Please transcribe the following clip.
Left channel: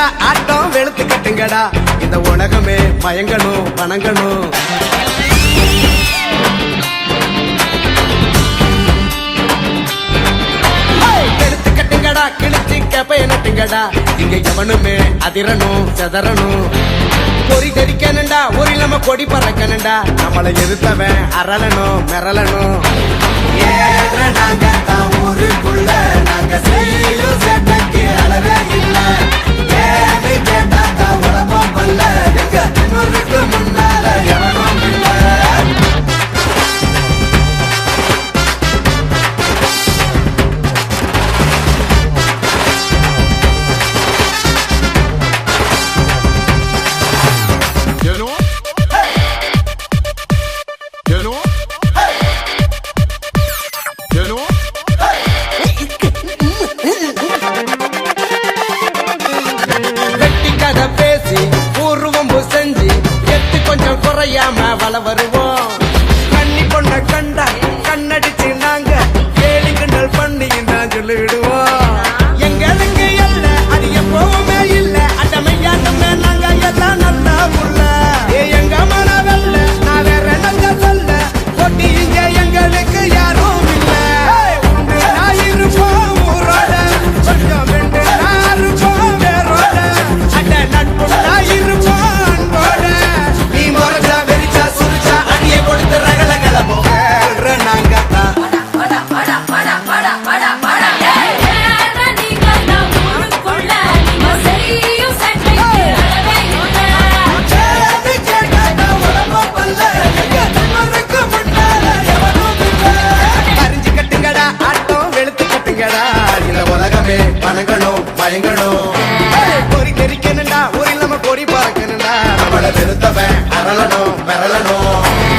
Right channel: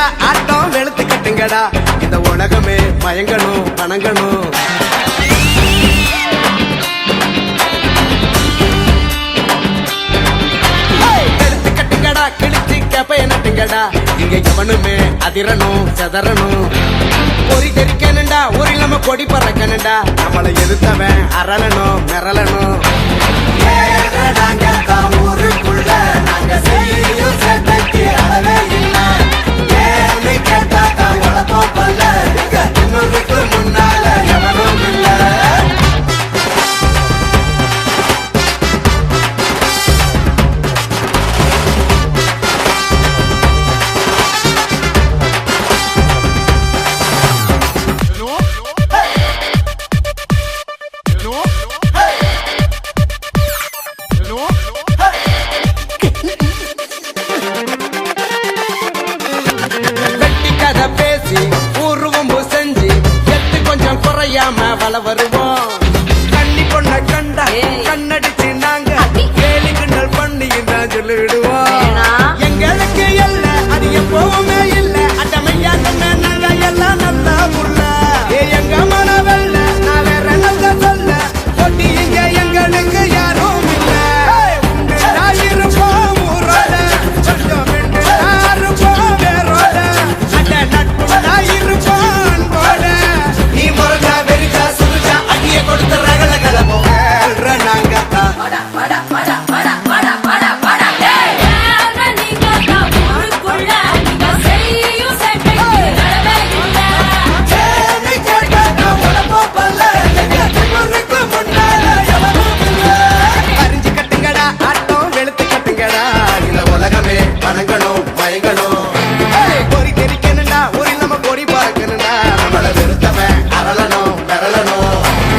கட்டுங்கடா ஆட்டம் வெளுத்து கட்டுங்கடா இந்த உலகமே மயங்கணும் வணங்கணும். வெளுத்து கட்டுங்கடா கிழிச்சு கேப்பைய நட்டுங்கடா இங்க எவனுமே அதிரணும் செதறணும். பொறி தெரிக்கணுண்டா ஒரு இல்லாம கொடி பறக்கணுண்டா நம்மளை எதிர்த்தவன் அரளணும் மிரளணும். நாங்க தான் ஊருக்குள்ள நாங்க செய்யும் சட்டக்கு அளவே இல்லை. ஏன்னு கேட்டா தான் உழப்போம் பல்ல எங்க முன்னுக்கு முன்னால எவனும் இல்லை. கதை பேசி ஊர்வம்பு செஞ்சு எத்து கொஞ்சம் குறையாம வள வருவோம். கண்ணி பொண்ண கண்டா கண்ணடிச்சு நாங்க கேலி கிண்டல் பண்ணி நான் சொல்லிடுவோம். எங்களுக்கு இல்ல அது எப்பவுமே இல்ல அட்டமையாட்டமே நாங்க எல்லாம் நல்லா புள்ள. எங்க மனவல்ல நான் வேற நல்ல சொல்ல போட்டி இங்க எங்களுக்கு யாரும் இல்ல. உண்டு நான் இருப்போம் ஊரோட கொஞ்சம் வெண்டு நான் இருப்போம் வேரோட நட்புண்ணா இருப்பான் போட நீ முறைச்சா வெறிச்சா சுரிச்சா அடிய கொடுத்த ரகல கலமோ நாங்கத்தான். பறிஞ்சு கட்டுங்கடா ஆட்டம் வெளுத்து கட்டுங்கடா இந்த உலகமே வணங்கணும் மயங்கணும். பொறி தெரிக்கணுண்டா ஒரு இல்லாம கொடி பறக்கணுண்டா நம்மளை வெறுத்தவன் அரளணும் மிரளணும்.